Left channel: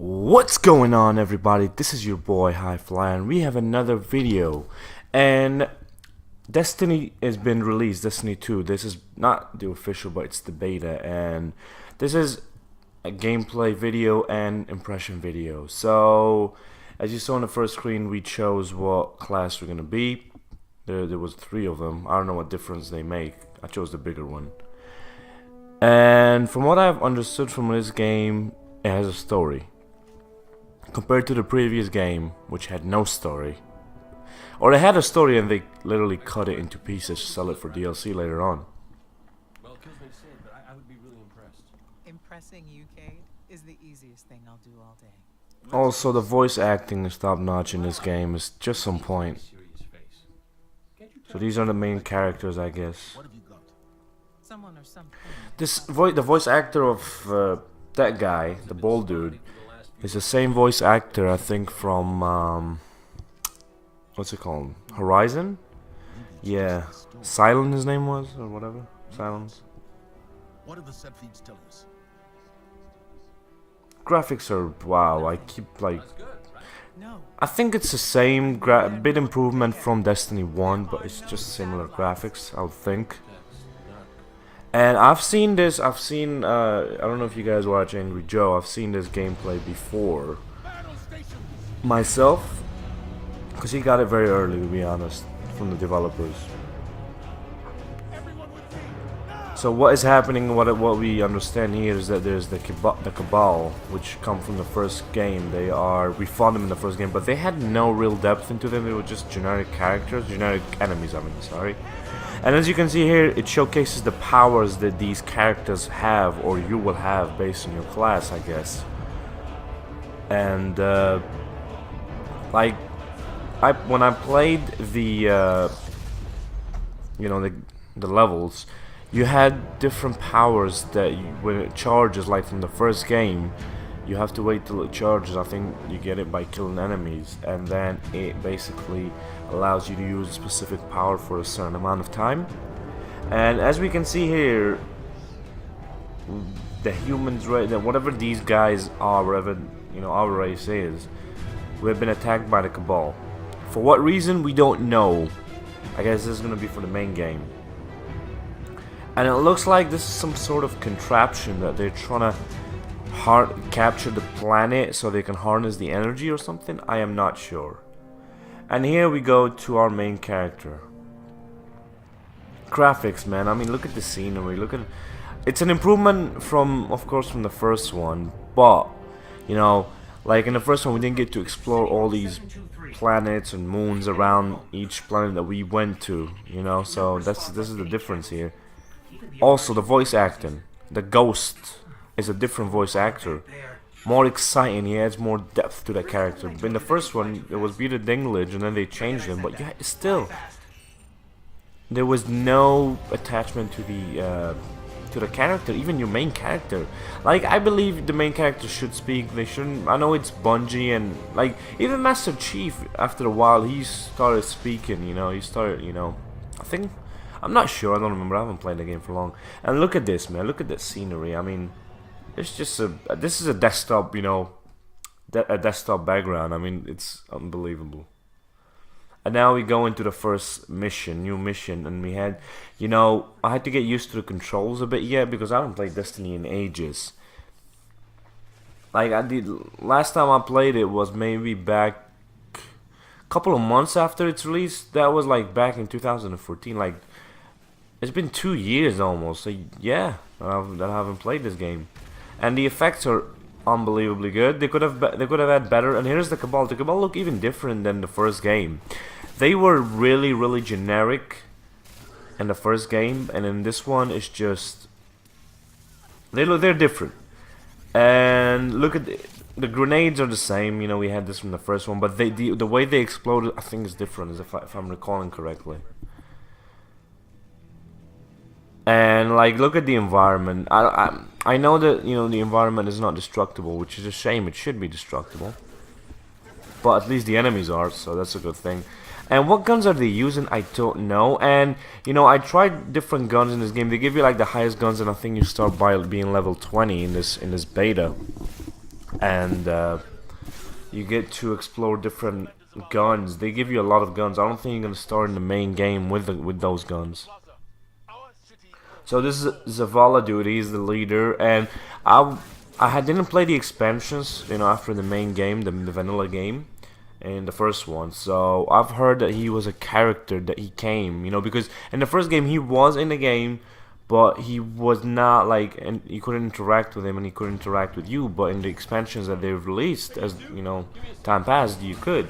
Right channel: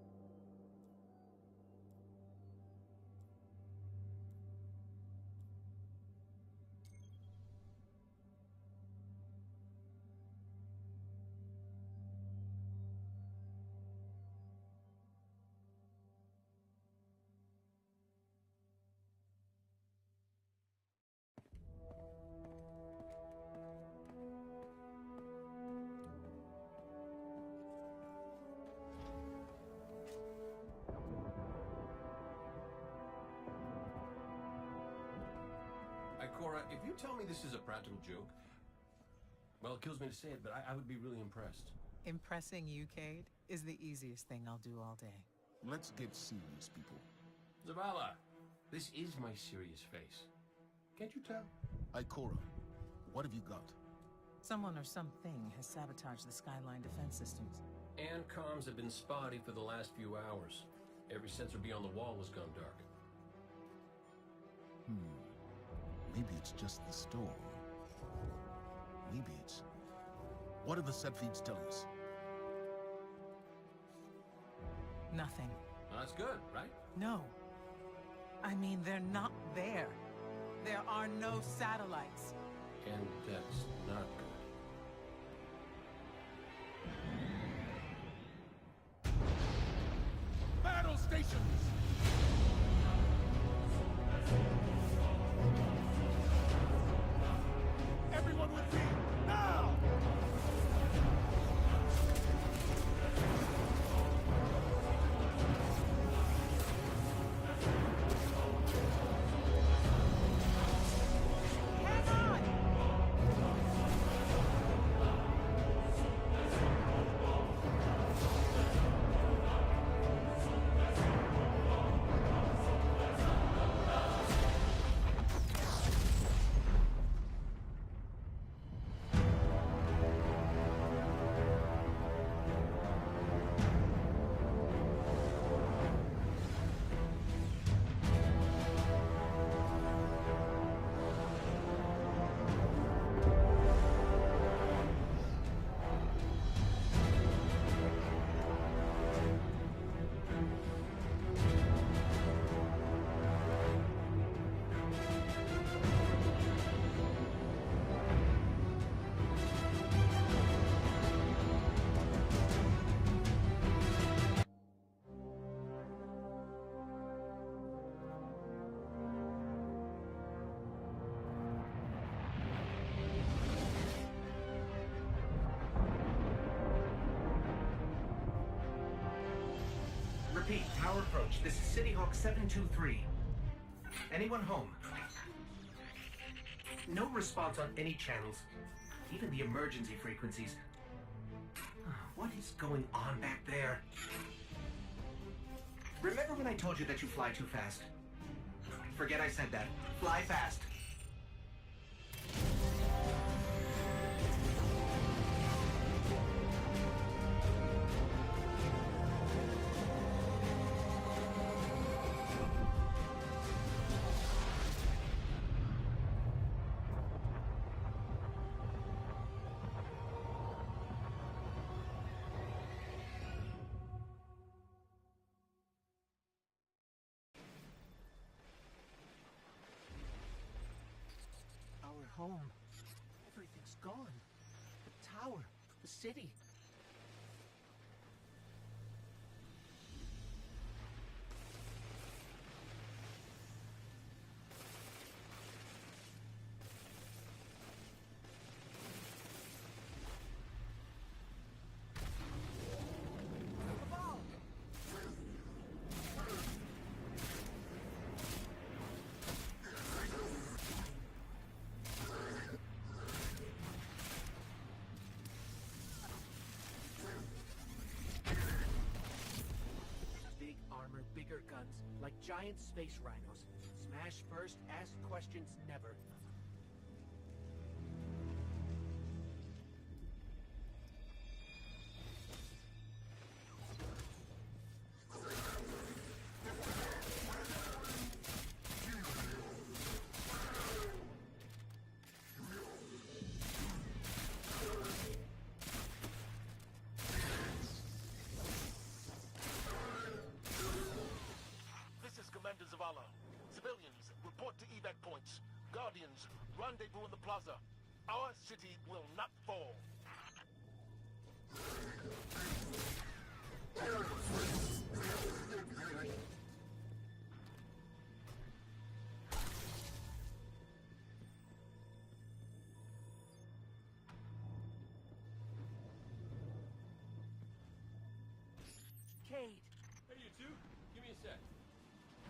What's going on, everybody? This is your boy Highfly, and we have another video. And Destiny has been released, Destiny 2. This is not the official, but it's the beta, and this is a gameplay video and impression video. So as you saw on the first screen, we chose what class we're gonna be. There was three of them. I don't know what difference they make. I chose the bigger one. And from what I've understood from this game, it has a story. Compared to the previous game, which had no story. Or they had a story and they literally cut it into pieces to sell it for DLC later on. Well, it kills me to say it, but I would be really impressed. Impressing you, Cade, is the easiest thing I'll do all day. Also, the voice acting is top notch in this game. It's just some point. So these are the main characters, I guess. What have you got? Someone or something. The voice actor of that guy, the bald dude, is the same voice actor I think from what's it called? Horizon? Yeah, Silent his name was, or whatever. Silent. What do the set feeds tell us? Graphics are wow. I keep like. That's good, right? No. I think it's the same bit improvement from Destiny 1, but it's just similar graphics, I would think. That's not good. And I've seen this, I don't know if you guys watch Angry Joe, I've seen this gameplay before Battle stations. myself, because he got it very early, to be honest, from the developers. Everyone with me. Now. So what is happening, what we understand here is that there's the Cabal, which come from the first game. We fought them in the first game, but they had no real depth into them. They were just generic characters, generic enemies, I mean, sorry. And as you can see here, it showcases the powers that these characters have, or you will have, based on your class, I guess. And when I played the the levels, you had different powers that when it charges, like from the first game, you have to wait till it charges. I think you get it by killing enemies, and then it basically allows you to use a specific power for a certain amount of time. And as we can see here, the humans, whatever these guys are, whatever our race is, we've been attacked by the Cabal. For what reason, we don't know. I guess this is gonna be for the main game. And it looks like this is some sort of contraption that they're trying to capture the planet so they can harness the energy or something. I am not sure. And here we go to our main character. Graphics, man. I mean, look at the scenery. It's an improvement from, of course, from the first one. But, like in the first one, we didn't get to explore all these planets and moons around each planet that we went to. So this is the difference here. Also, the voice acting. The Ghost is a different voice actor. More exciting, he adds more depth to the character. But in the first one, it was Peter Dinklage, and then they changed him. But yeah, still, there was no attachment to the character, even your main character. Like, I believe the main character should speak. They shouldn't. I know it's Bungie, and like even Master Chief, after a while, he started speaking. He started. I think. I'm not sure. I don't remember. I haven't played the game for long. And look at this, man. Look at the scenery. I mean, it's just this is a desktop, a desktop background. I mean, it's unbelievable. And now we go into the first mission, new mission, and we had, I had to get used to the controls a bit yet because I haven't played Destiny in ages. Like I did last time I played it was maybe back a couple of months after its release. That was like back in 2014. Like it's been 2 years almost. So yeah, that I haven't played this game. And the effects are unbelievably good. They could have had better. And here's the Cabal. The Cabal look even different than the first game. They were really generic in the first game, and in this one it's just they're different. And look at the grenades are the same. We had this from the first one, but the way they exploded, I think, is different, if I'm recalling correctly. And like, look at the environment. I know that the environment is not destructible, which is a shame. It should be destructible, but at least the enemies are, so that's a good thing. And what guns are they using? I don't know. And I tried different guns in this game. They give you like the highest guns, and I think you start by being level 20 in this beta. and you get to explore different guns. They give you a lot of guns. I don't think you're gonna start in the main game with those guns. So this is Zavala dude. He's the leader, and didn't play the expansions, after the main game, the vanilla game, in the first one. So I've heard that he was a character that he came, because in the first game he was in the game, but he was not like, and you couldn't interact with him, and he couldn't interact with you. But in the expansions that they've released, as time passed, you could.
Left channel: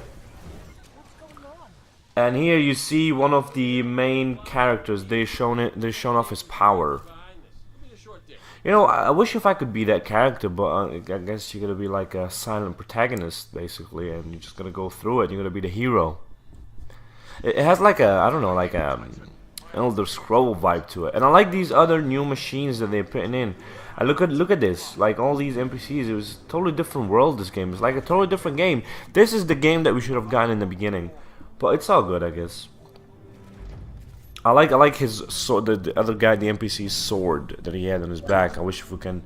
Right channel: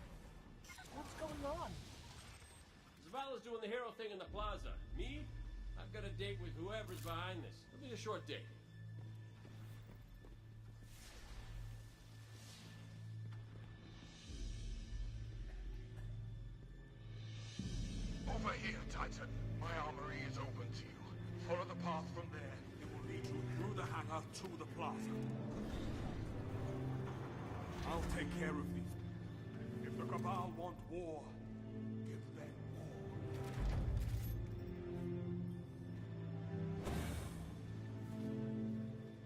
And here you see one of the main characters. They've shown off his power. I wish if I could be that character, but I guess you're gonna be like a silent protagonist, basically, and you're just gonna go through it. You're gonna be the hero. It has like a, I don't know, like a Elder Scroll vibe to it, and I like these other new machines that they're putting in. I look at this, like all these NPCs. It was a totally different world. This game is like a totally different game. This is the game that we should have gotten in the beginning, but it's all good, I guess. I like his sword, the other guy, the NPC's sword that he had on his back. I wish if we can,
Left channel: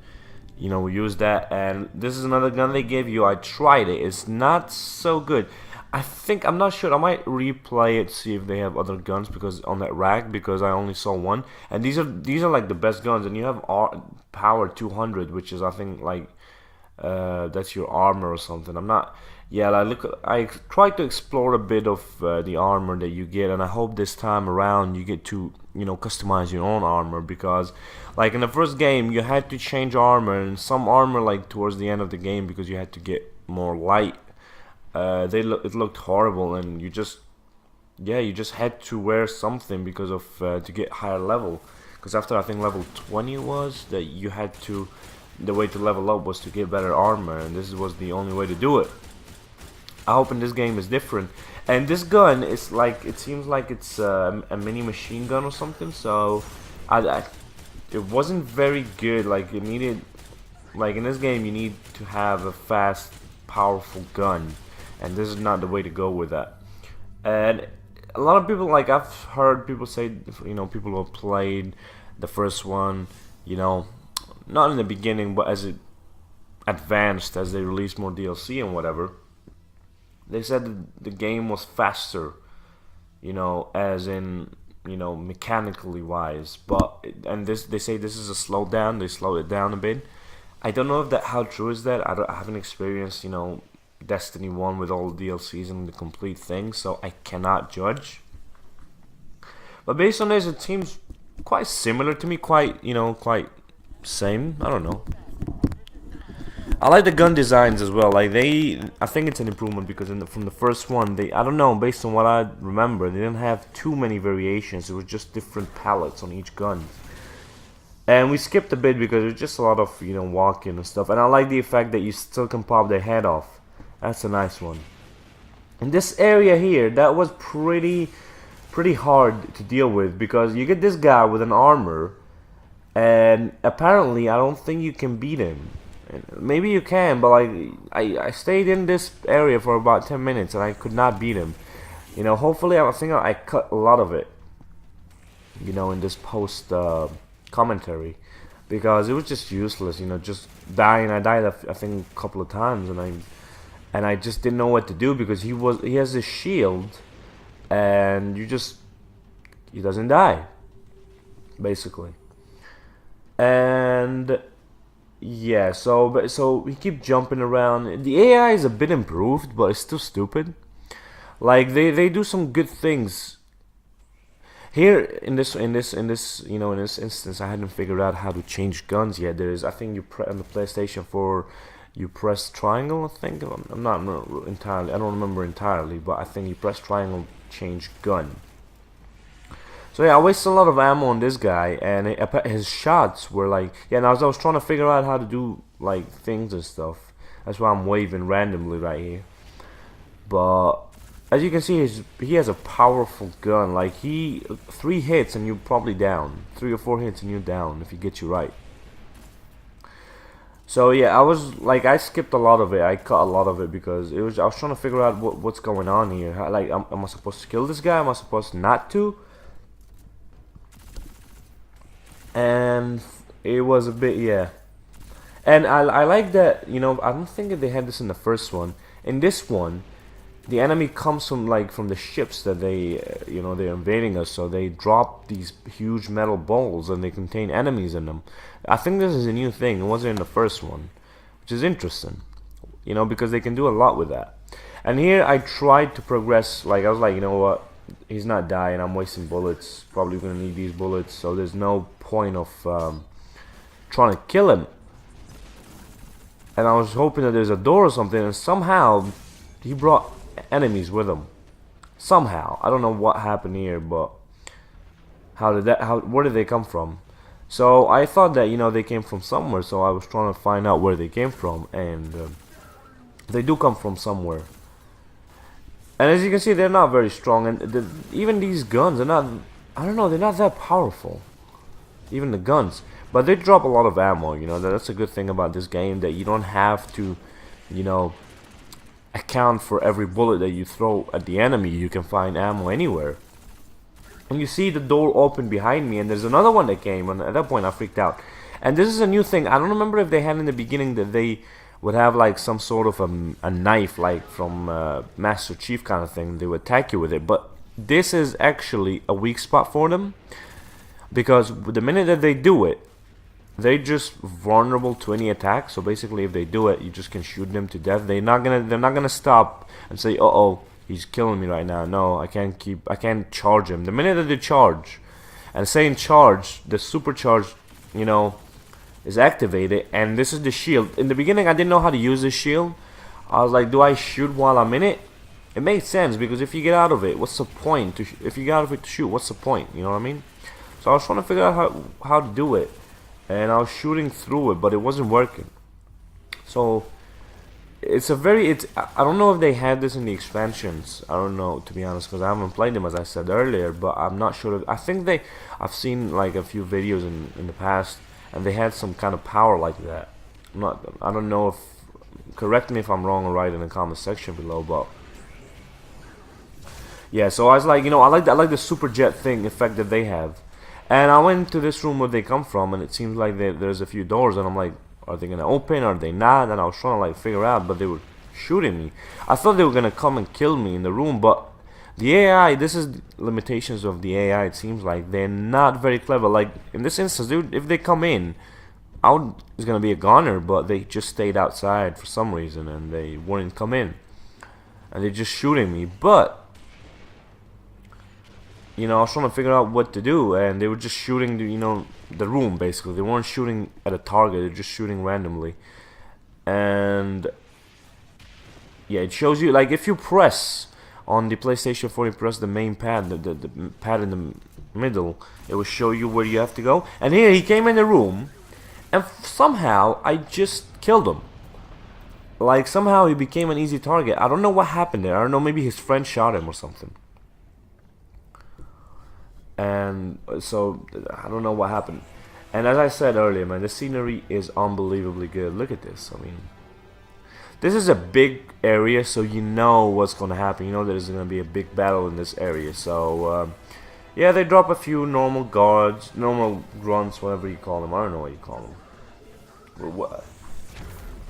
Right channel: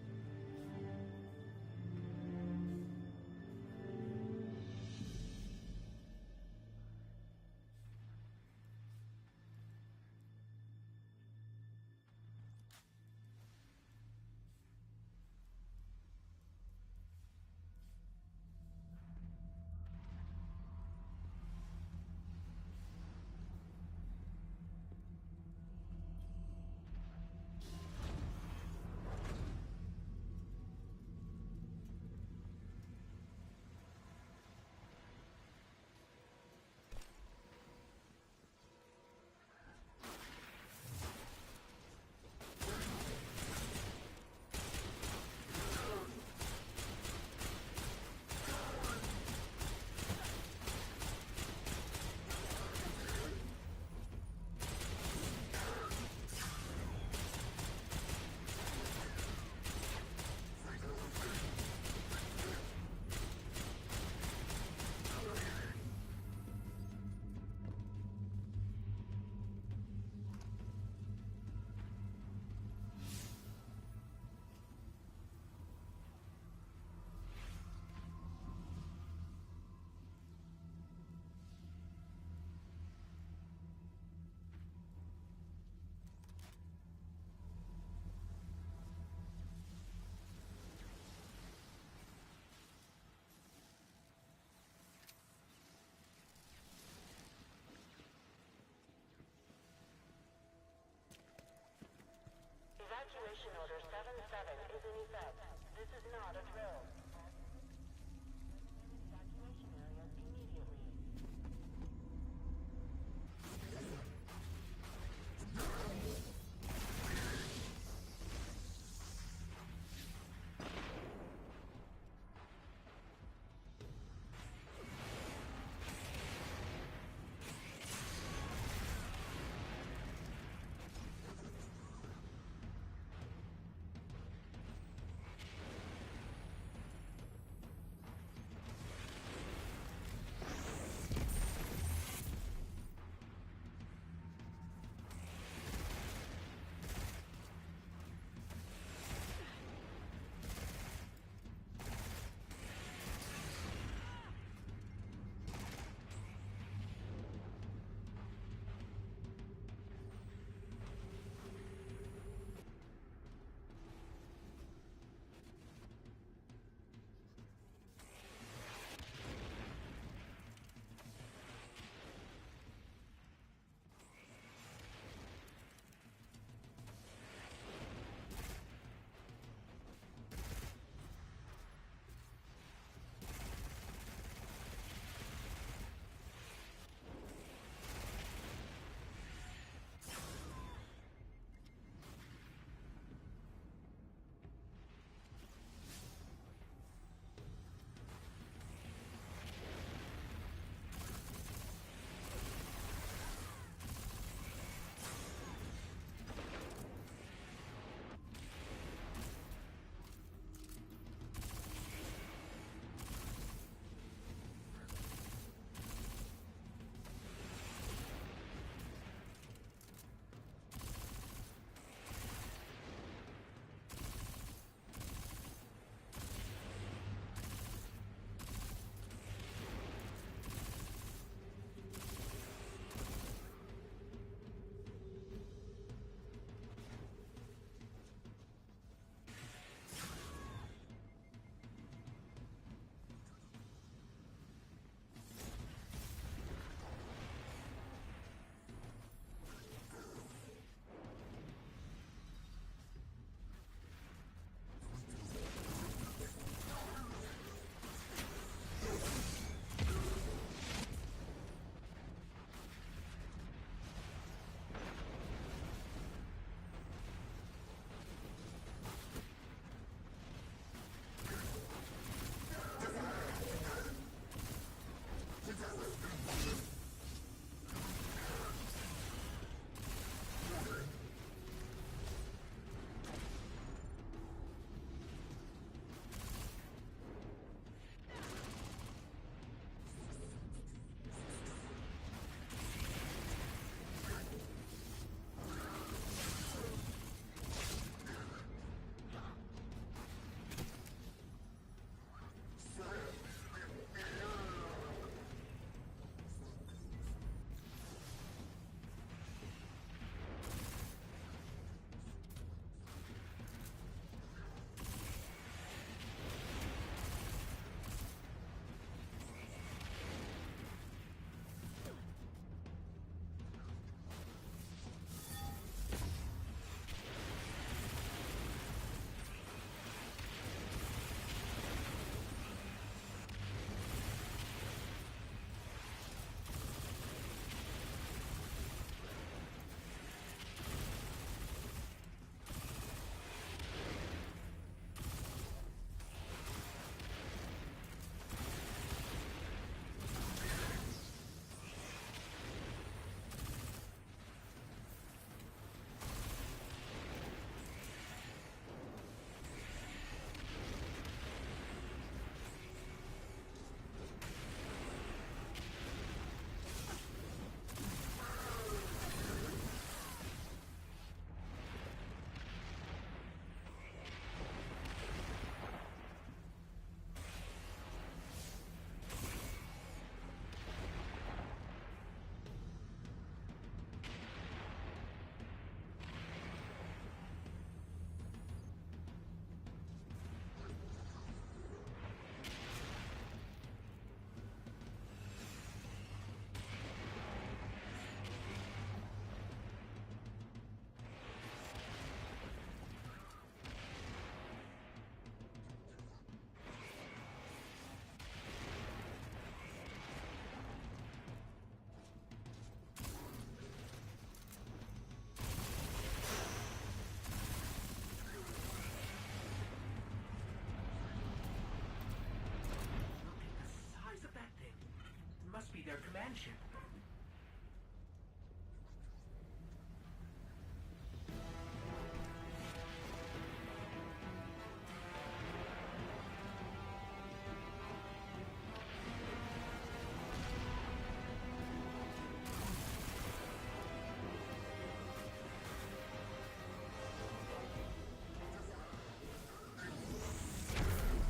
use that. And this is another gun they gave you. I tried it. It's not so good. I'm not sure. I might replay it, see if they have other guns because on that rack, because I only saw one. And these are like the best guns. And you have power 200, which is I think like that's your armor or something. I'm not. Yeah, I tried to explore a bit of the armor that you get, and I hope this time around you get to customize your own armor, because like in the first game you had to change armor, and some armor like towards the end of the game, because you had to get more light. It looked horrible, and you just had to wear something because of to get higher level. Because after I think level 20 was that you had to, the way to level up was to get better armor, and this was the only way to do it. I hope in this game is different. And this gun is like, it seems like it's a mini machine gun or something. So it wasn't very good. Like it needed, like in this game you need to have a fast, powerful gun, and this is not the way to go with that. And a lot of people, like I've heard people say, people who have played the first one, not in the beginning, but as it advanced, as they released more DLC and whatever, they said that the game was faster, as in, mechanically wise. But they say this is a slowdown. They slowed it down a bit. I don't know if how true is that. I haven't experienced, Destiny 1 with all the DLCs and the complete thing, so I cannot judge. But based on this, it seems quite similar to me. Quite same. I don't know. I like the gun designs as well. Like I think it's an improvement, because from the first one, I don't know, based on what I remember, they didn't have too many variations. It was just different palettes on each gun. And we skipped a bit because there's just a lot of walking and stuff. And I like the effect that you still can pop their head off. That's a nice one. In this area here, that was pretty hard to deal with, because you get this guy with an armor, and apparently I don't think you can beat him. Maybe you can, but like I stayed in this area for about 10 minutes and I could not beat him. Hopefully I think I cut a lot of it, in this post commentary, because it was just useless, just dying. I died I think a couple of times, and I just didn't know what to do, because he has a shield, and he doesn't die, basically. And yeah, so we keep jumping around. The AI is a bit improved, but it's still stupid. Like they do some good things. Here in this instance, I hadn't figured out how to change guns yet. I think on the PlayStation 4, you press triangle. I think I'm not entirely. I don't remember entirely, but I think you press triangle, change gun. So yeah, I wasted a lot of ammo on this guy, and his shots were like, yeah. And I was trying to figure out how to do like things and stuff. That's why I'm waving randomly right here. But as you can see, he has a powerful gun. Like 3 hits and you're probably down. 3 or 4 hits and you're down if he gets you right. So yeah, I skipped a lot of it. I cut a lot of it because I was trying to figure out what's going on here. Like, am I supposed to kill this guy? Am I supposed not to? And it was a bit, yeah. And I like that, you know, I don't think that they had this in the first one. In this one, the enemy comes from like from the ships that they, you know, they're invading us. So they drop these huge metal balls and they contain enemies in them. I think this is a new thing. It wasn't in the first one, which is interesting, you know, because they can do a lot with that. And here I tried to progress. Like I was like, you know what? He's not dying. I'm wasting bullets. Probably gonna need these bullets. So there's no point of trying to kill him. And I was hoping that there's a door or something, and somehow he brought enemies with him. Somehow, I don't know what happened here, but where did they come from? So I thought that, you know, they came from somewhere. So I was trying to find out where they came from, and they do come from somewhere. And as you can see, they're not very strong, and even these guns are not. I don't know, they're not that powerful. Even the guns. But they drop a lot of ammo, you know, that's a good thing about this game, that you don't have to, you know, account for every bullet that you throw at the enemy. You can find ammo anywhere. And you see the door open behind me, and there's another one that came, and at that point I freaked out. And this is a new thing. I don't remember if they had in the beginning that they would have like some sort of a knife, like from Master Chief kind of thing. They would attack you with it, but this is actually a weak spot for them. Because the minute that they do it, they're just vulnerable to any attack. So basically, if they do it, you just can shoot them to death. They're not gonna stop and say, "Uh oh, he's killing me right now." No, I can't charge him. The minute that they charge, and saying charge, the supercharge, you know, is activated, and this is the shield. In the beginning, I didn't know how to use this shield. I was like, do I shoot while I'm in it? It made sense, because if you get out of it, what's the point? If you get out of it to shoot, what's the point? You know what I mean? So I was trying to figure out how to do it, and I was shooting through it, but it wasn't working. So it's I don't know if they had this in the expansions. I don't know, to be honest, because I haven't played them, as I said earlier. But I'm not sure. I think I've seen like a few videos in the past, and they had some kind of power like that. I don't know if. Correct me if I'm wrong or right in the comment section below, but yeah. So I was like, you know, I like the super jet thing effect that they have. And I went to this room where they come from, and it seems like there's a few doors, and I'm like, are they gonna open, or are they not? And I was trying to like figure out, but they were shooting me. I thought they were gonna come and kill me in the room, but the AI, this is the limitations of the AI. It seems like they're not very clever. Like in this instance, if they come in, it's gonna be a goner, but they just stayed outside for some reason, and they wouldn't come in, and they're just shooting me. But you know, I was trying to figure out what to do, and they were just shooting the room, basically. They weren't shooting at a target, they're just shooting randomly. And yeah, it shows you, like, if you press on the PlayStation 4, you press the main pad, the pad in the middle, it will show you where you have to go. And here, he came in the room, and somehow, I just killed him. Like, somehow he became an easy target. I don't know what happened there. I don't know, maybe his friend shot him or something. And so I don't know what happened. And as I said earlier, man, the scenery is unbelievably good. Look at this. I mean, this is a big area, so you know what's gonna happen. You know there's gonna be a big battle in this area. So yeah, they drop a few normal guards, normal grunts, whatever you call them. I don't know what you call them.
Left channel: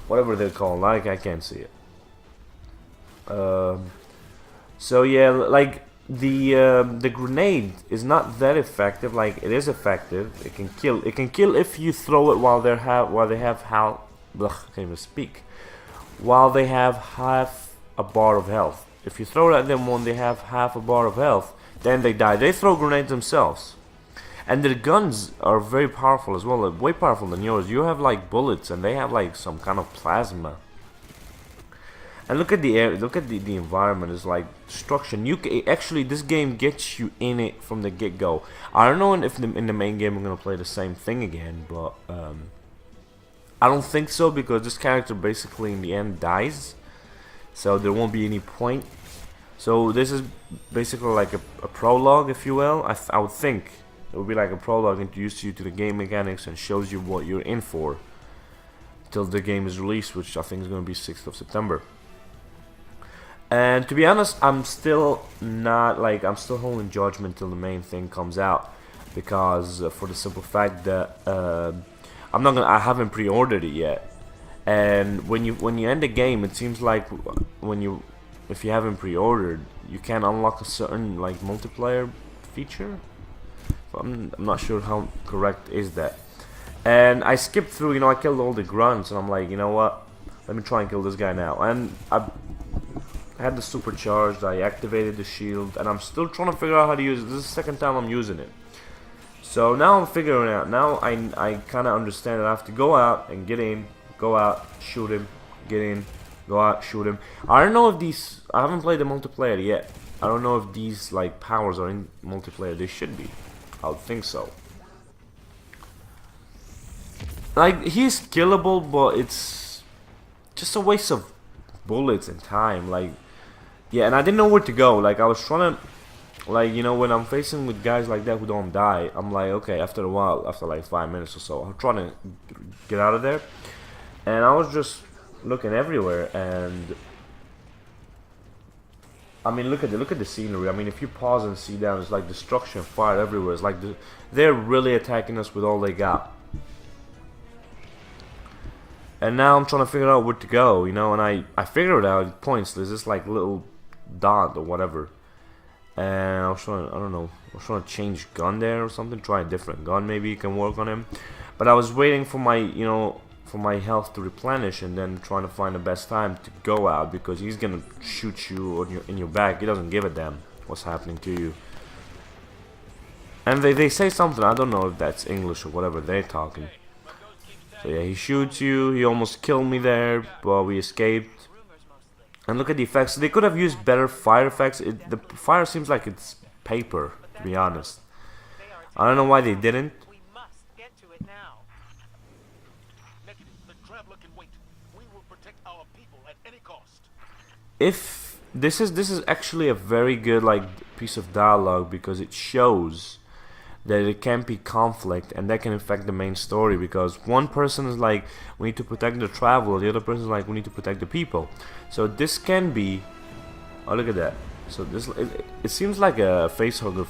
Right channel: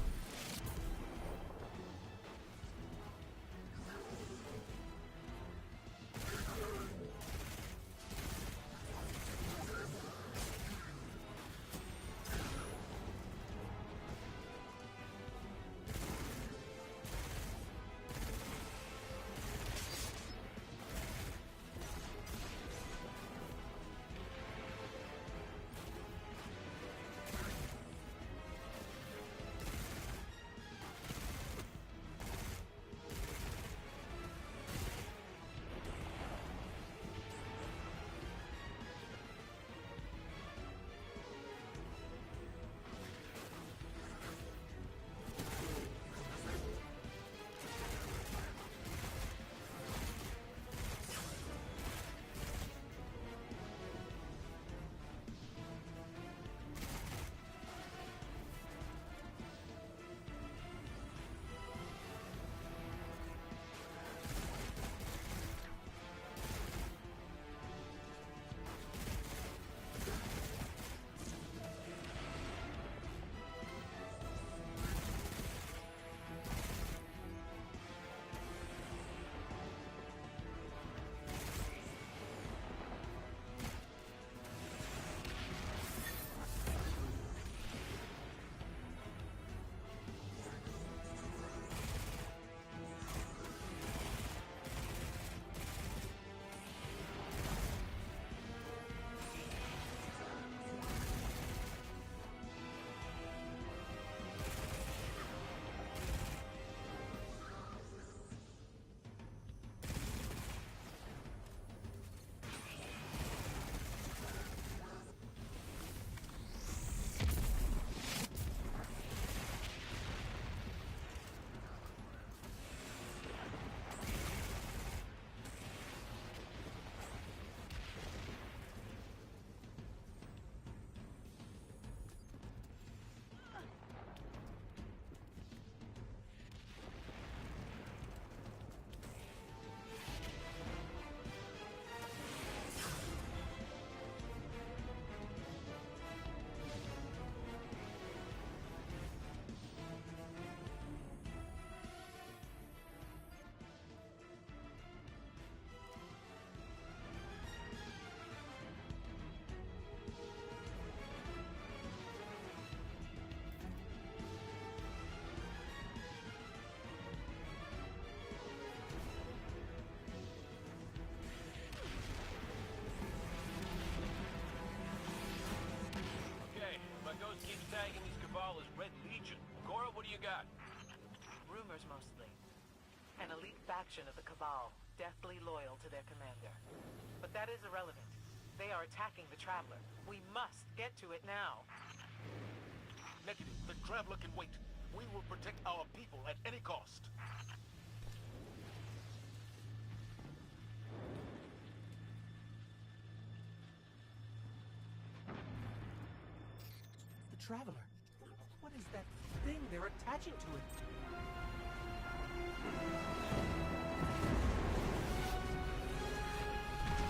Whatever they're called. Like, I can't see it. So yeah, like. The grenade is not that effective. Like, it is effective. It can kill. It can kill if you throw it while they have how. Can't even speak. While they have half a bar of health. If you throw it at them when they have half a bar of health, then they die. They throw grenades themselves, and their guns are very powerful as well. Way powerful than yours. You have like bullets, and they have like some kind of plasma. And look at the air, look at the environment. It's like destruction. Actually, this game gets you in it from the get-go. I don't know if in the main game I'm gonna play the same thing again, but I don't think so, because this character basically in the end dies, so there won't be any point. So this is basically like a prologue, if you will. I would think it would be like a prologue, introduces you to the game mechanics and shows you what you're in for till the game is released, which I think is gonna be 6th of September. And to be honest, I'm still holding judgment till the main thing comes out, because for the simple fact that I haven't pre-ordered it yet. And when you end the game, it seems like if you haven't pre-ordered, you can't unlock a certain like multiplayer feature. I'm not sure how correct is that. And I skipped through, you know, I killed all the grunts, and I'm like, you know what? Let me try and kill this guy now. And I had the supercharged, I activated the shield, and I'm still trying to figure out how to use it. This is the second time I'm using it. So now I'm figuring it out. Now I kind of understand that I have to go out and get in, go out, shoot him, get in, go out, shoot him. I don't know if these, I haven't played the multiplayer yet. I don't know if these like powers are in multiplayer. They should be. I would think so. Like, he's killable, but it's just a waste of bullets and time. Like, yeah, and I didn't know where to go. Like, I was trying to, like, you know, when I'm facing with guys like that who don't die, I'm like, okay, after a while, after like 5 minutes or so, I'm trying to get out of there. And I was just looking everywhere, and I mean, look at the scenery. I mean, if you pause and see down, it's like destruction, fire everywhere. It's like they're really attacking us with all they got. And now I'm trying to figure out where to go, you know, and I figured it out. Points. There's this like little dot or whatever, and I was trying to, I don't know, I was trying to change gun there or something. Try a different gun, maybe you can work on him. But I was waiting for my, you know, for my health to replenish, and then trying to find the best time to go out, because he's gonna shoot you or in your back. He doesn't give a damn what's happening to you. And they say something, I don't know if that's English or whatever they're talking. So yeah, he shoots you. He almost killed me there, but we escaped. And look at the effects. They could have used better fire effects. The fire seems like it's paper, to be honest. I don't know why they didn't. We must get to it now. Negative. The traveler can wait. We will protect our people at any cost. If this is actually a very good like piece of dialogue, because it shows that it can be conflict, and that can affect the main story, because one person is like, we need to protect the traveler, the other person is like, we need to protect the people. So this can be, oh look at that. So this it seems like a facehugger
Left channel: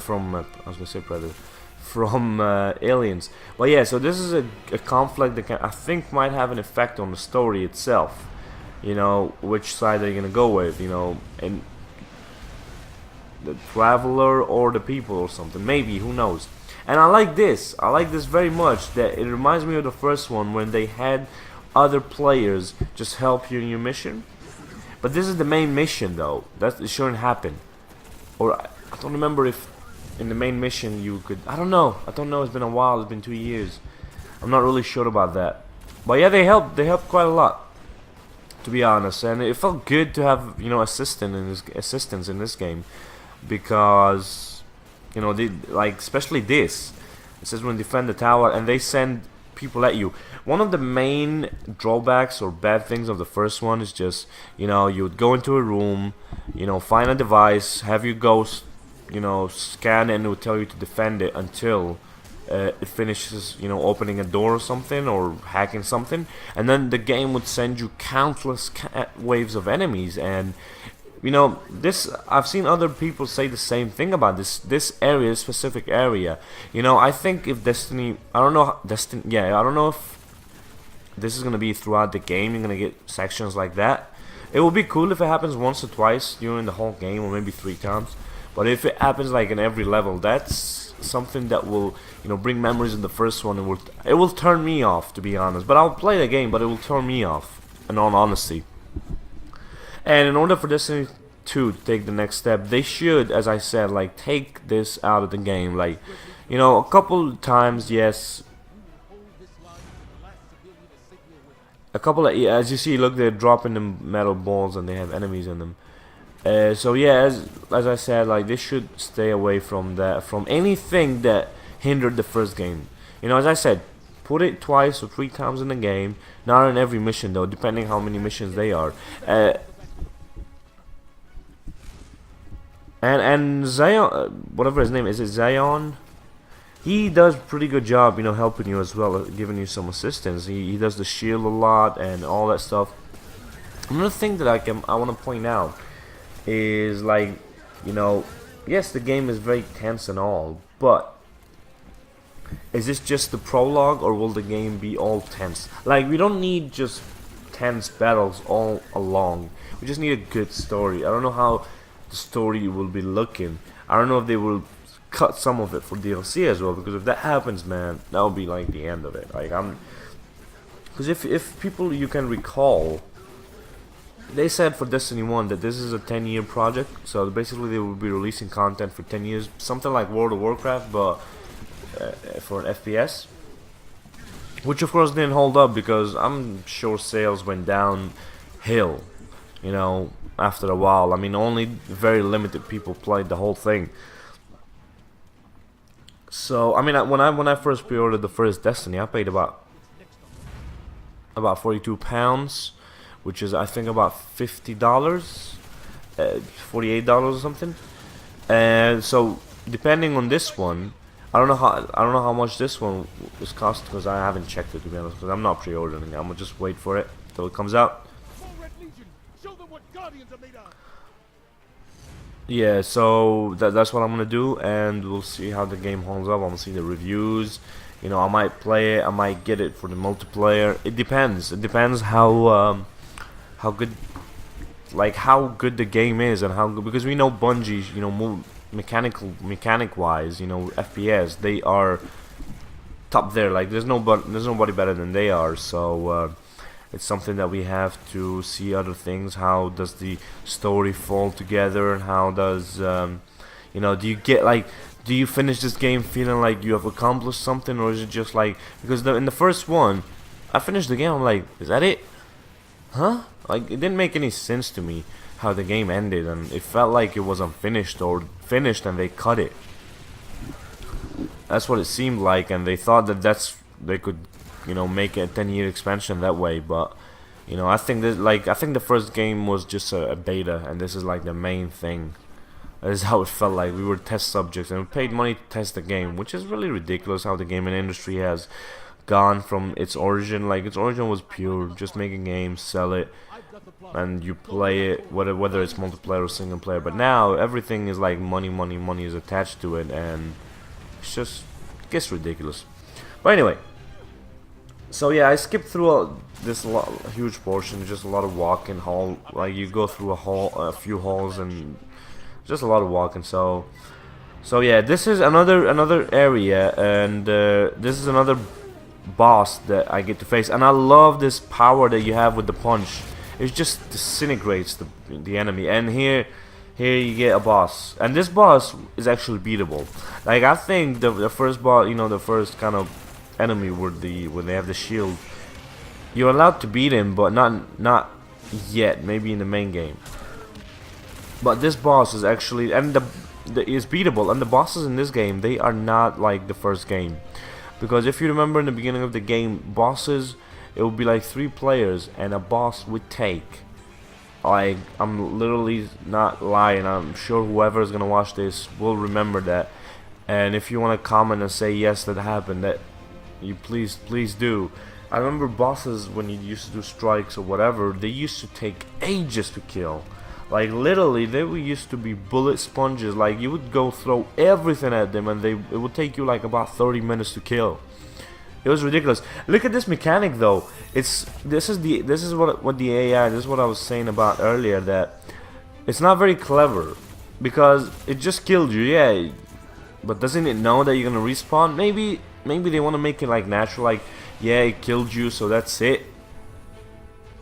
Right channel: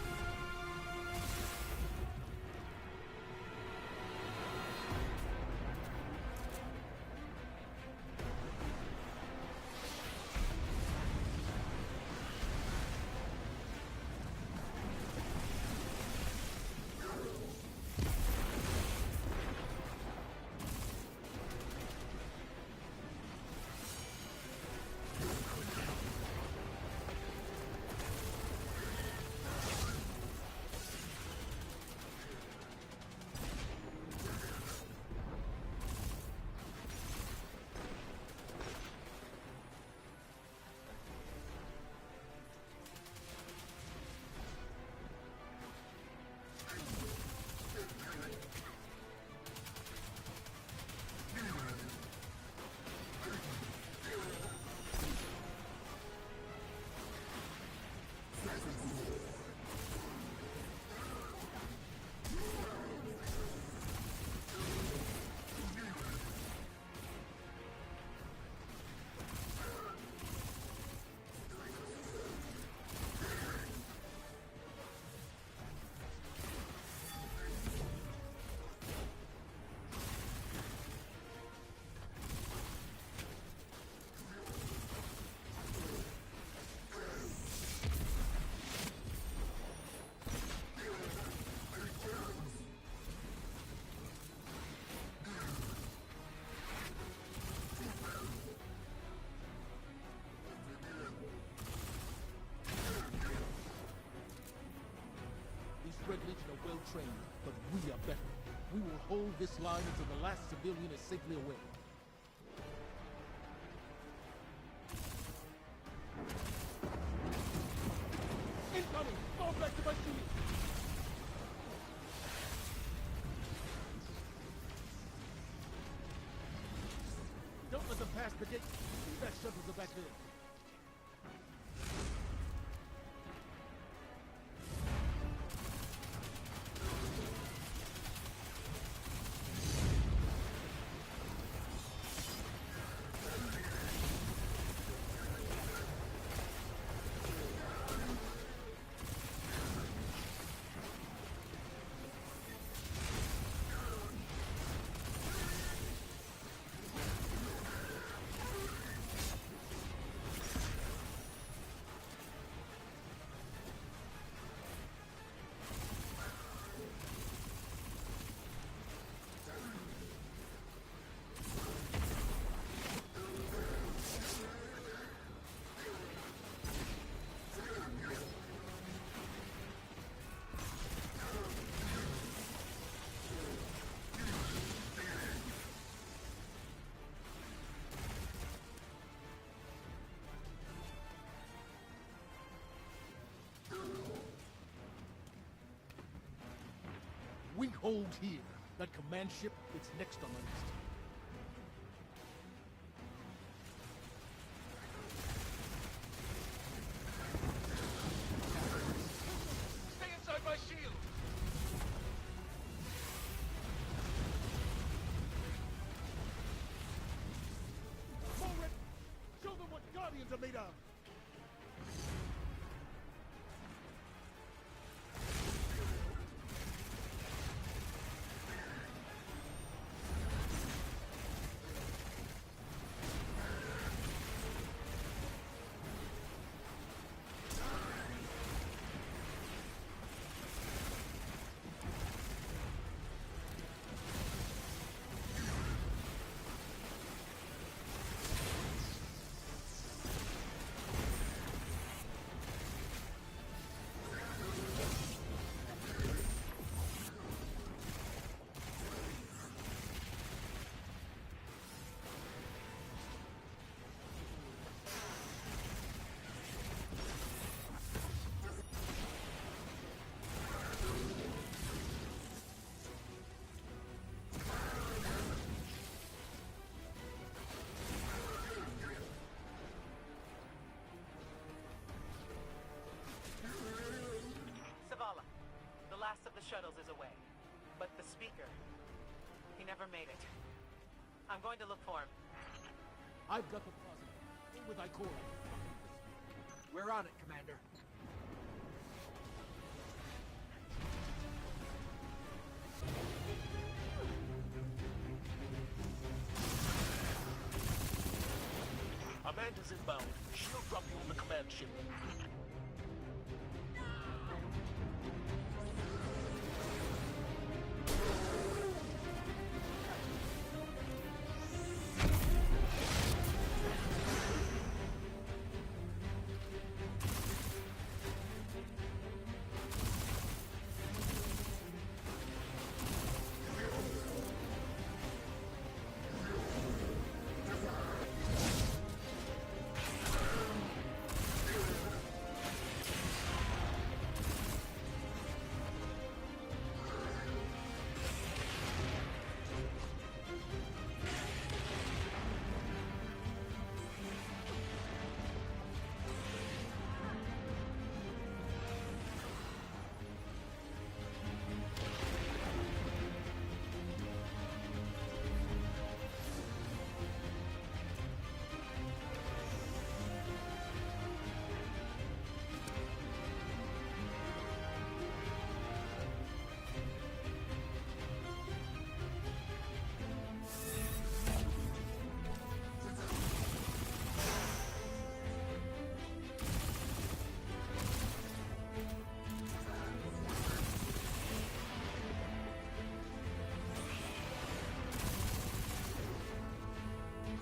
from I was gonna say Predator, from Aliens. But yeah, so this is a conflict that I think might have an effect on the story itself. You know, which side are you gonna go with? You know, and the traveler or the people or something, maybe, who knows. And I like this very much, that it reminds me of the first one when they had other players just help you in your mission. But this is the main mission though, it shouldn't happen. Or I don't remember if in the main mission you could, I don't know, it's been a while, it's been 2 years. I'm not really sure about that. But yeah, they helped quite a lot, to be honest, and it felt good to have, you know, assistance in this game. Because, you know, they, like, especially this, it says when defend the tower, and they send people at you. One of the main drawbacks or bad things of the first one is just, you know, you would go into a room, you know, find a device, have your ghost, you know, scan it, and it would tell you to defend it until it finishes, you know, opening a door or something, or hacking something, and then the game would send you countless waves of enemies. And you know, this, I've seen other people say the same thing about this area, this specific area. You know, I think if Destiny, I don't know if this is gonna be throughout the game. You're gonna get sections like that. It would be cool if it happens once or twice during the whole game, or maybe 3 times. But if it happens like in every level, that's something that will, you know, bring memories in the first one. It will turn me off, to be honest. But I'll play the game, but it will turn me off, in all honesty. And in order for Destiny 2 to take the next step, they should, as I said, like, take this out of the game. Like, you know, a couple times, yes. We will hold this line until the last civilian is safely away. A couple of, yeah, as you see, look, they're dropping the metal balls and they have enemies in them. So yeah, as I said, like, they should stay away from that, from anything that hindered the first game. You know, as I said, put it twice or 3 times in the game. Not in every mission though, depending how many missions they are. And Zion, whatever his name is, it Zion? He does a pretty good job, you know, helping you as well, giving you some assistance. He does the shield a lot and all that stuff. Another thing that I want to point out is, like, you know, yes, the game is very tense and all, but is this just the prologue, or will the game be all tense? Like, we don't need just tense battles all along. We just need a good story. I don't know how the story will be looking. I don't know if they will cut some of it for DLC as well, because if that happens, man, that will be like the end of it. Like, because if people, you can recall, they said for Destiny 1 that this is a 10-year project, so basically they will be releasing content for 10 years, something like World of Warcraft, but for an FPS, which of course didn't hold up, because I'm sure sales went downhill, you know, after a while. I mean, only very limited people played the whole thing. So I mean, when I first pre-ordered the first Destiny, I paid about £42, which is I think about $50, $48 or something. And so depending on this one, I don't know how much this one is cost, because I haven't checked it, to be honest, because I'm not pre-ordering it. I'm gonna just wait for it till it comes out. Yeah, so that's what I'm gonna do, and we'll see how the game holds up. I'm gonna see the reviews. You know, I might play it, I might get it for the multiplayer. It depends. It depends how good, like how good the game is, and how good, because we know Bungie, you know, mechanic wise, you know, FPS, they are top there. Like there's nobody better than they are. So it's something that we have to see other things. How does the story fall together? How does you know, do you finish this game feeling like you have accomplished something, or is it just like, because in the first one I finished the game, I'm like, is that it? Huh? Like, it didn't make any sense to me how the game ended, and it felt like it was unfinished, or finished and they cut it. That's what it seemed like, and they thought that they could, you know, make a 10-year expansion that way. But you know, I think the first game was just a beta, and this is like the main thing. That is how it felt like. We were test subjects, and we paid money to test the game, which is really ridiculous how the gaming industry has gone from its origin. Like, its origin was pure, just make a game, sell it, and you play it, whether it's multiplayer or single player. But now everything is like money is attached to it, and it's just, it gets ridiculous. But anyway, so yeah, I skipped through this huge portion, just a lot of walking hall. Like, you go through a few halls, and just a lot of walking. So yeah, this is another area, and this is another boss that I get to face, and I love this power that you have with the punch. It just disintegrates the enemy, and here you get a boss, and this boss is actually beatable. Like, I think the first boss, you know, the first kind of enemy when they have the shield, you're allowed to beat him, but not yet, maybe in the main game. But this boss is actually, and is beatable, and the bosses in this game, they are not like the first game. Because if you remember in the beginning of the game, bosses, it would be like 3 players, and a boss would take, like, I'm literally not lying, I'm sure whoever is gonna watch this will remember that. And if you want to comment and say yes, that happened, that you please do. I remember bosses, when you used to do strikes or whatever, they used to take ages to kill. Like, literally, they used to be bullet sponges. Like, you would go throw everything at them, and it would take you like about 30 minutes to kill. It was ridiculous. Look at this mechanic, though. This is what the AI. This is what I was saying about earlier, that it's not very clever, because it just killed you, yeah. But doesn't it know that you're gonna respawn? Maybe they want to make it like natural, like, yeah, it killed you, so that's it.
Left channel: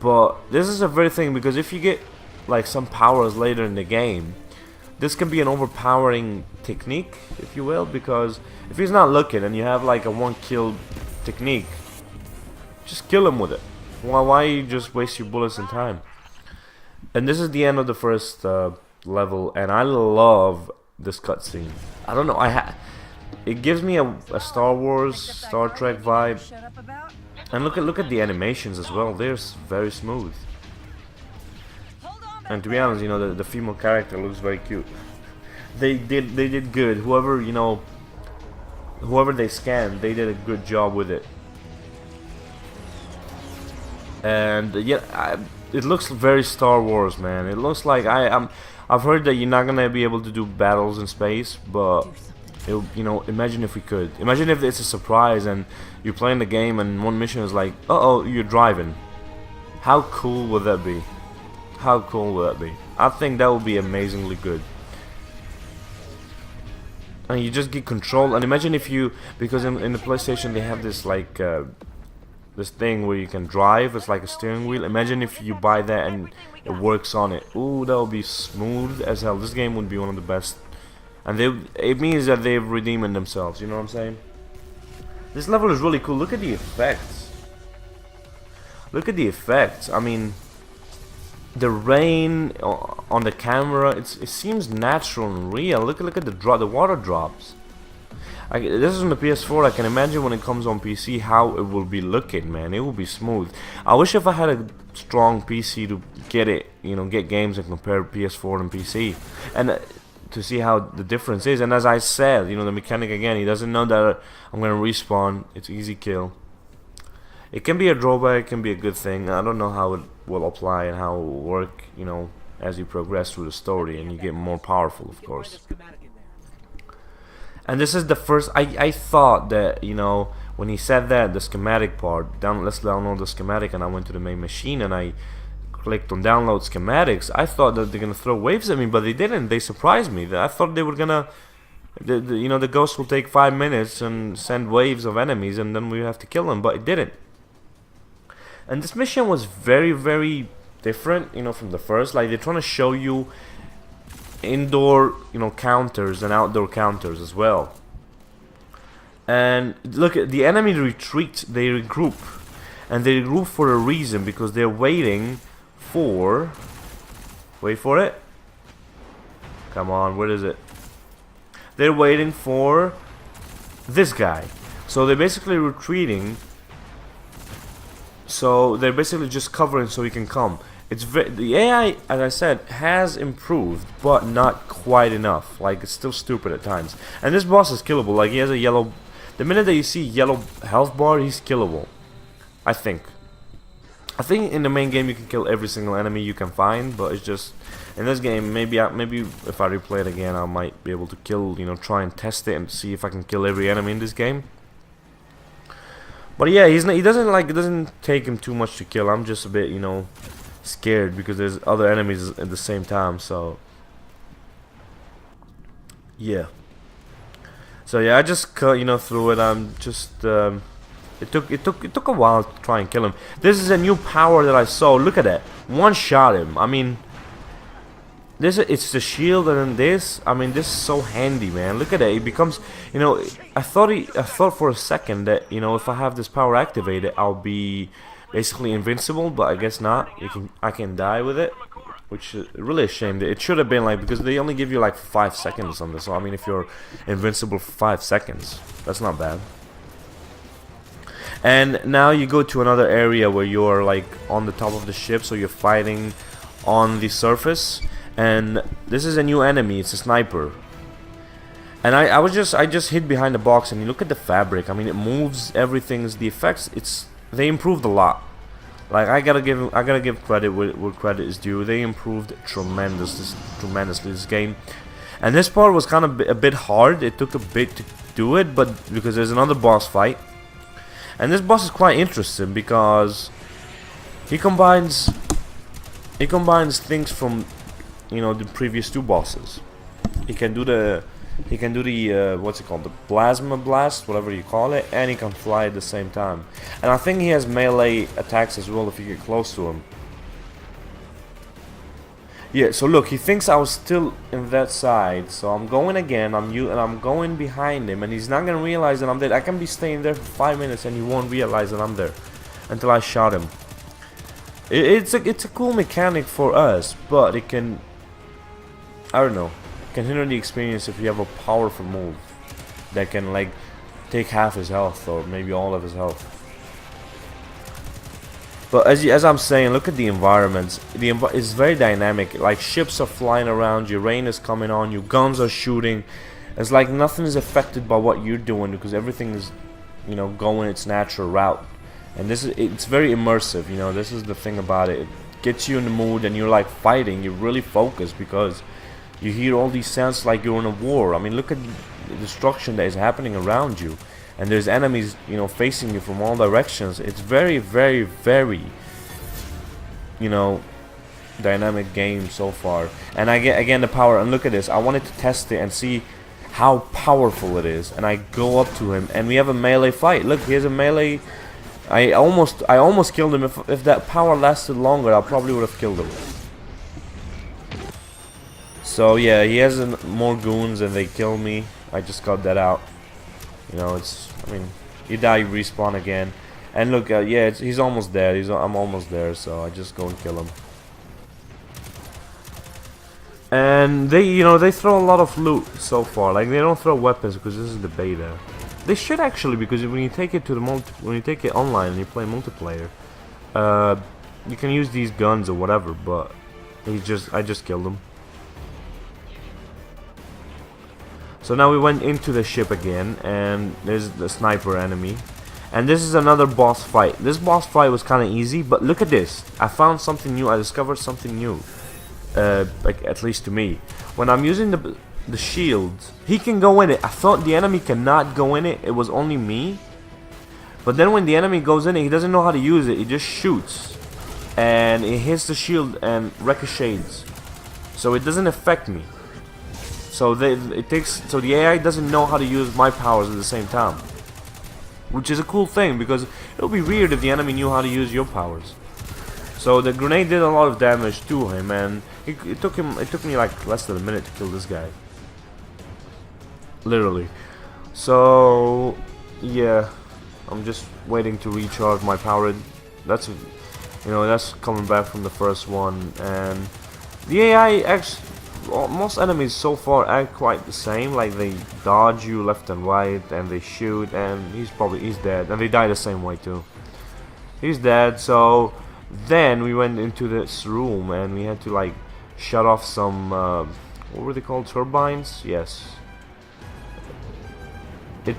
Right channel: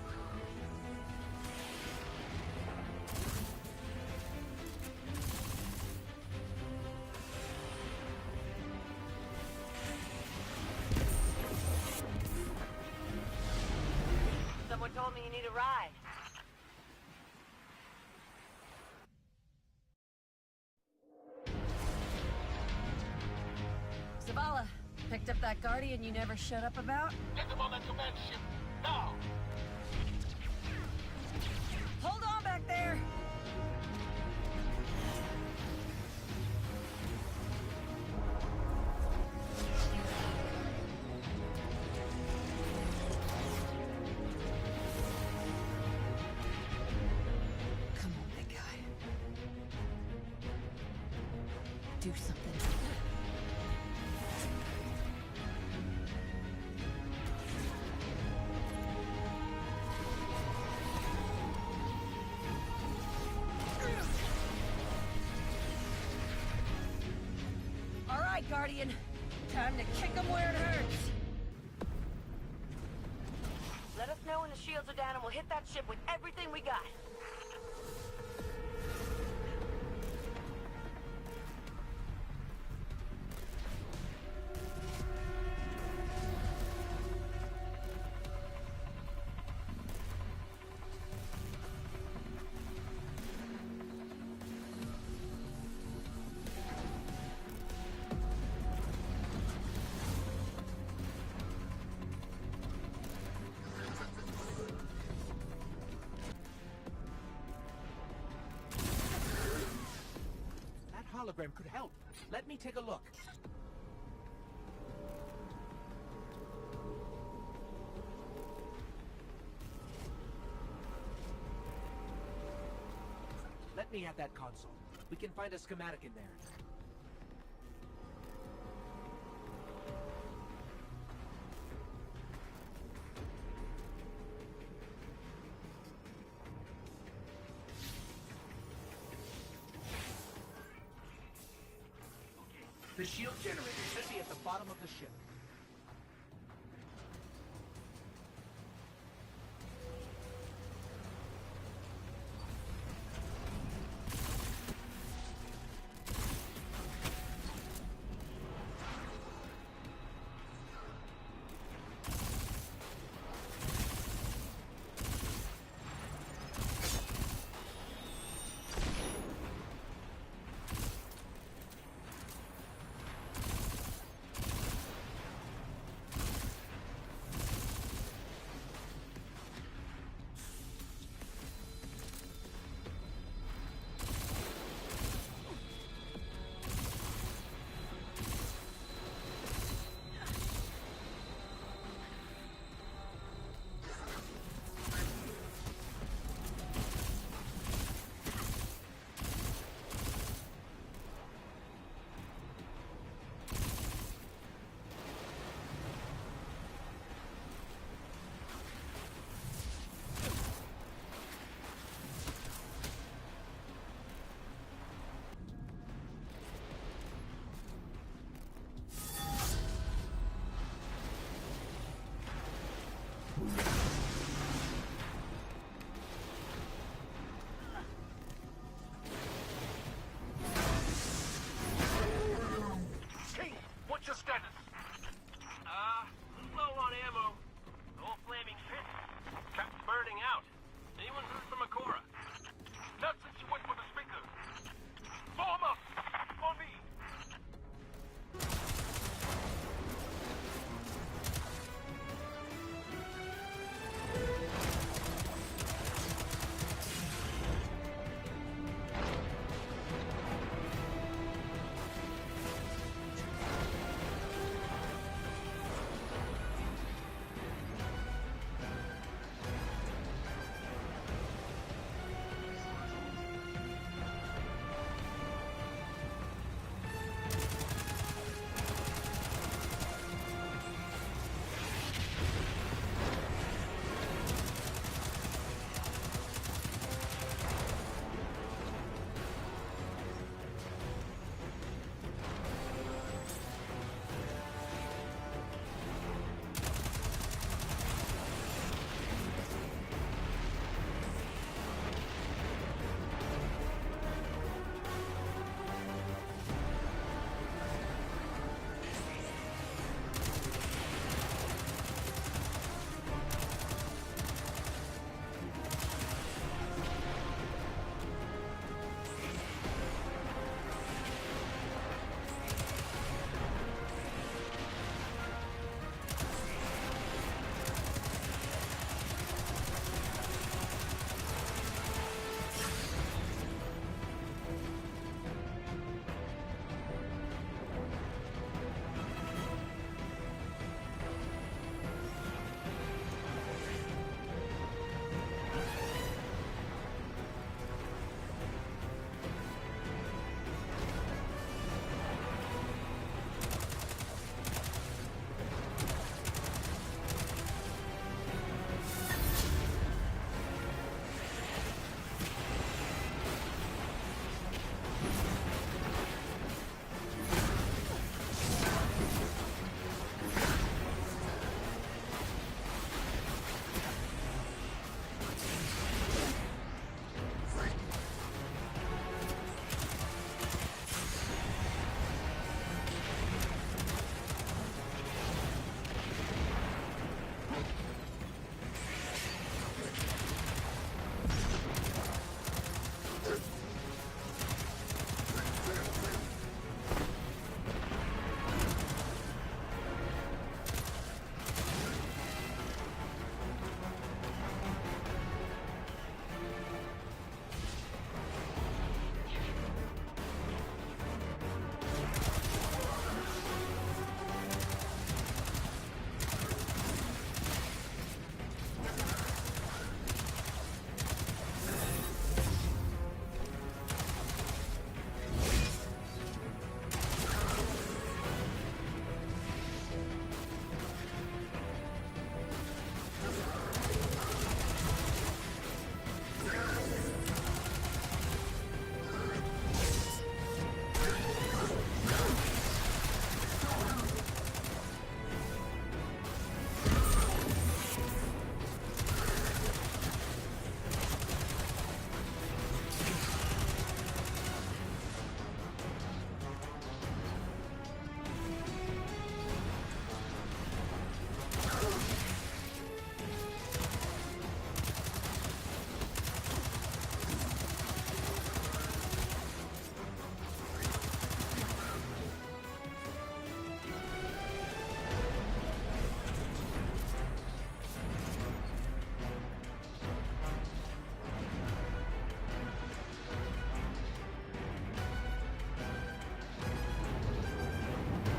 But this is a very thing, because if you get like some powers later in the game, this can be an overpowering technique, if you will, because if he's not looking and you have like a 1-kill technique, just kill him with it. Why you just waste your bullets and time? And this is the end of the first level, and I love this cutscene. I don't know, it gives me a Star Wars, Star Trek vibe. And look at the animations as well. They're very smooth. And to be honest, you know, the female character looks very cute. They did good. Whoever, you know, whoever they scanned, they did a good job with it. And yeah, it looks very Star Wars, man. It looks like I've heard that you're not gonna be able to do battles in space, but you know, imagine if we could. Imagine if it's a surprise and you're playing the game and one mission is like, uh-oh, you're driving. How cool would that be? How cool would that be? I think that would be amazingly good. And you just get control. And imagine if you, because in the PlayStation they have this like this thing where you can drive. It's like a steering wheel. Imagine if you buy that and it works on it. Ooh, that would be smooth as hell. This game would be one of the best. And it means that they've redeemed themselves. You know what I'm saying? This level is really cool. Look at the effects. Look at the effects. I mean, the rain on the camera. It seems natural and real. Look at the water drops. This is on the PS4. I can imagine when it comes on PC how it will be looking, man. It will be smooth. I wish if I had a strong PC to get it, you know, get games and compare PS4 and PC, and to see how the difference is. And as I said, you know, the mechanic again, he doesn't know that I'm gonna respawn. It's easy kill. It can be a drawback, it can be a good thing. I don't know how it will apply and how it will work, you know, as you progress through the story and you get more powerful, of course. And this is the first. I thought that, you know, when he said that, the schematic part, let's download the schematic, and I went to the main machine and I clicked on download schematics. I thought that they're gonna throw waves at me, but they didn't. They surprised me. I thought they were gonna, you know, the ghost will take 5 minutes and send waves of enemies, and then we have to kill them, but it didn't. And this mission was very, very different, you know, from the first. Like, they're trying to show you indoor, you know, counters and outdoor counters as well. And look at the enemy retreat. They regroup, and they regroup for a reason, because they're waiting for, wait for it, come on, where is it? They're waiting for this guy. So they're basically retreating, so they're basically just covering so he can come. The AI, as I said, has improved, but not quite enough. Like, it's still stupid at times. And this boss is killable. Like, he has a yellow. The minute that you see yellow health bar, he's killable. I think in the main game you can kill every single enemy you can find, but it's just in this game, maybe if I replay it again, I might be able to kill. You know, try and test it and see if I can kill every enemy in this game. But yeah, he doesn't take him too much to kill. I'm just a bit, you know, scared because there's other enemies at the same time. So yeah, I just cut, you know, through it. I'm just it took a while to try and kill him. This is a new power that I saw. Look at that, one shot him. I mean, it's the shield, and then this. I mean, this is so handy, man. Look at that. It becomes, you know, I thought for a second that, you know, if I have this power activated, I'll be basically invincible, but I guess not. I can die with it, which is really a shame. It should have been like, because they only give you like 5 seconds on this. So I mean, if you're invincible for 5 seconds, that's not bad. And now you go to another area where you're like on the top of the ship, so you're fighting on the surface. And this is a new enemy. It's a sniper. And I just hid behind the box, and you look at the fabric. I mean, it moves. Everything's the effects. They improved a lot. Like, I gotta give credit where credit is due. They improved tremendously this game. And this part was kind of a bit hard. It took a bit to do it, but because there's another boss fight. And this boss is quite interesting because he combines things from, you know, the previous 2 bosses. He can do the what's it called, the plasma blast, whatever you call it, and he can fly at the same time. And I think he has melee attacks as well if you get close to him. Yeah, so look, he thinks I was still in that side, so I'm going again. I'm going behind him, and he's not gonna realize that I'm dead. I can be staying there for 5 minutes, and he won't realize that I'm there until I shot him. It's a cool mechanic for us, but it can, I don't know, can hinder the experience if you have a powerful move that can like take half his health or maybe all of his health. But as I'm saying, look at the environments. It's very dynamic. Like, ships are flying around you, rain is coming on you, guns are shooting. It's like nothing is affected by what you're doing because everything is, you know, going its natural route. and it's very immersive. You know, this is the thing about it. It gets you in the mood, and you're like fighting. You're really focused because you hear all these sounds like you're in a war. I mean, look at the destruction that is happening around you, and there's enemies, you know, facing you from all directions. It's very, very, very, you know, dynamic game so far. And I get again the power, and look at this. I wanted to test it and see how powerful it is, and I go up to him and we have a melee fight. Look, here's a melee. I almost killed him. If that power lasted longer, I probably would have killed him. So yeah, he has more goons and they kill me. I just got that out. You know, I mean, you die, you respawn again. And look, yeah, he's almost dead. I'm almost there, so I just go and kill him. And they, you know, they throw a lot of loot so far. Like, they don't throw weapons because this is the beta. They should actually, because when you take it to when you take it online and you play multiplayer, you can use these guns or whatever. But I just killed him. So now we went into the ship again, and there's the sniper enemy. And this is another boss fight. This boss fight was kind of easy, but look at this. I found something new. I discovered something new. Like, at least to me. When I'm using the shield, he can go in it. I thought the enemy cannot go in it. It was only me. But then when the enemy goes in it, he doesn't know how to use it. He just shoots. And it hits the shield and ricochets. So it doesn't affect me. So the AI doesn't know how to use my powers at the same time, which is a cool thing because it would be weird if the enemy knew how to use your powers. So the grenade did a lot of damage to him, and it took me like less than a minute to kill this guy, literally. So yeah, I'm just waiting to recharge my power. That's coming back from the first one, and the AI actually. Well, most enemies so far act quite the same, like they dodge you left and right and they shoot, and he's dead, and they die the same way too. He's dead. So then we went into this room and we had to like shut off some what were they called, turbines? Yes. It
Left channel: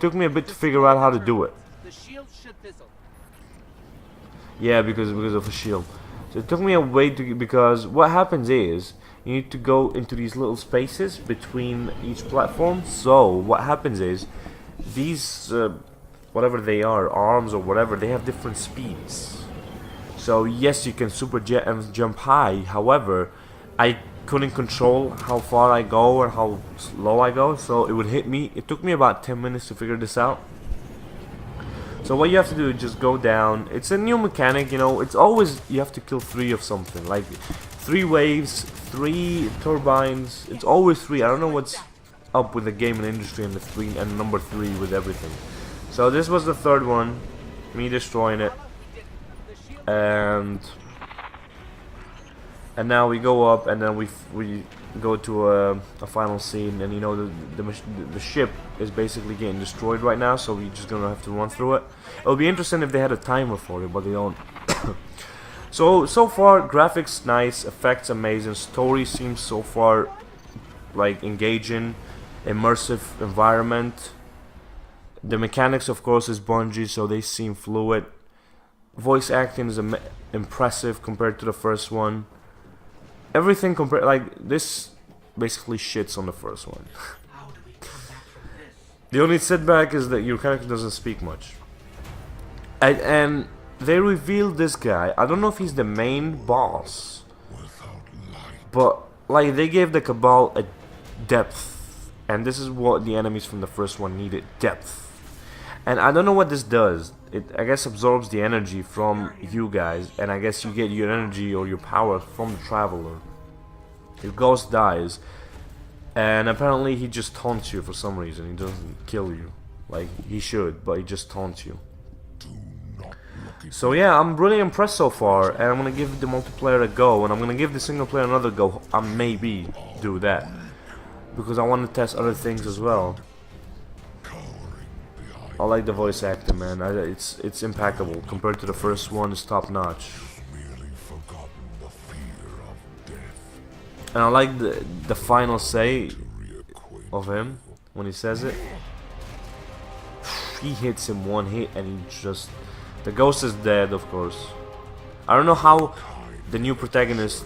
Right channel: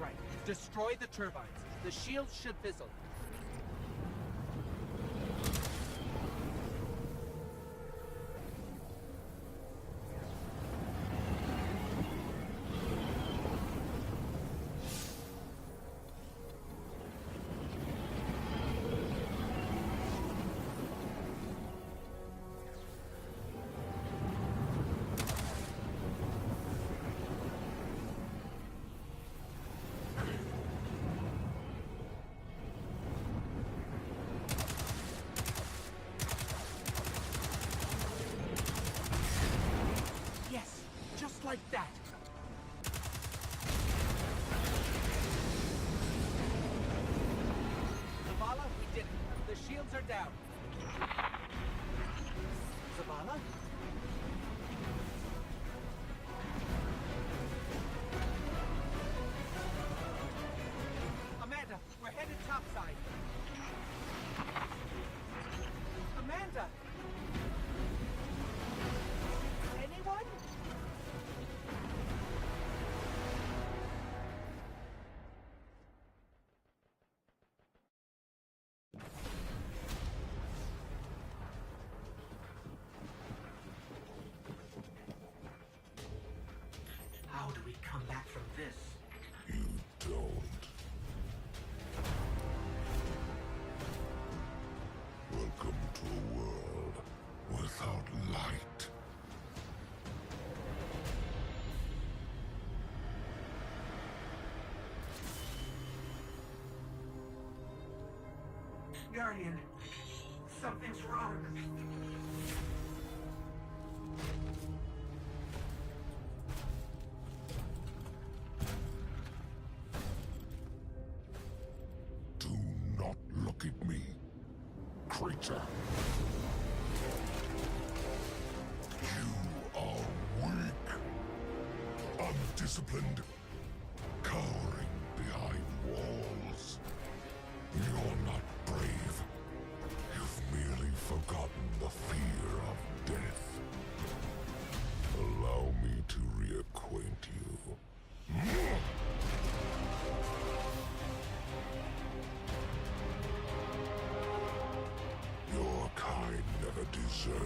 took me a bit to figure out how to do it. The shield should fizzle. Yeah, because of the shield. So it took me a way because what happens is you need to go into these little spaces between each platform. So what happens is these whatever they are, arms or whatever, they have different speeds. So yes, you can super jet and jump high. However, I couldn't control how far I go or how low I go, so it would hit me. It took me about 10 minutes to figure this out. So what you have to do is just go down. It's a new mechanic, you know. It's always you have to kill 3 of something, like 3 waves, 3 turbines. It's always 3. I don't know what's up with the gaming industry and the 3 and number 3 with everything. So this was the third one, me destroying it, and now we go up, and then we go to a final scene, and you know the ship is basically getting destroyed right now, so we're just gonna have to run through it. It would be interesting if they had a timer for it, but they don't. so far, graphics nice, effects amazing, story seems so far like engaging, immersive environment. The mechanics, of course, is Bungie, so they seem fluid. Voice acting is impressive compared to the first one. Everything compared, like, this basically shits on the first one. How do we come back from this? The only setback is that your character doesn't speak much. And they revealed this guy. I don't know if he's the main boss, but like they gave the Cabal a depth, and this is what the enemies from the first one needed: depth. And I don't know what this does. It, I guess, absorbs the energy from you guys, and I guess you get your energy or your power from the Traveler. The ghost dies, and apparently he just taunts you for some reason. He doesn't kill you, like he should, but he just taunts you. So yeah, I'm really impressed so far, and I'm gonna give the multiplayer a go, and I'm gonna give the single player another go. I maybe do that because I want to test other things as well. I like the voice acting, man. It's impeccable compared to the first one. It's top notch. And I like the final say of him when he says it. he hits him one hit and he just... The ghost is dead, of course. I don't know how the new protagonist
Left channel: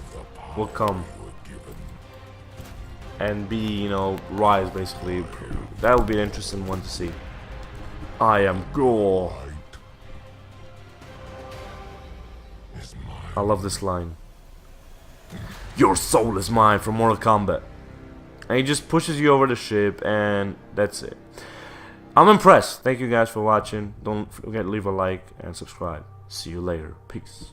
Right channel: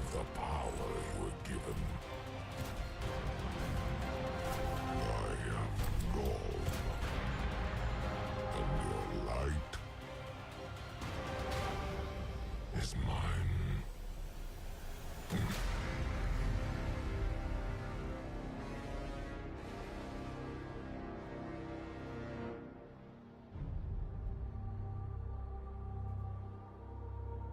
will come and be, you know, rise basically. That would be an interesting one to see. I am Gore. I love this line. Your soul is mine from Mortal Kombat. And he just pushes you over the ship and that's it. I'm impressed. Thank you guys for watching. Don't forget to leave a like and subscribe. See you later. Peace.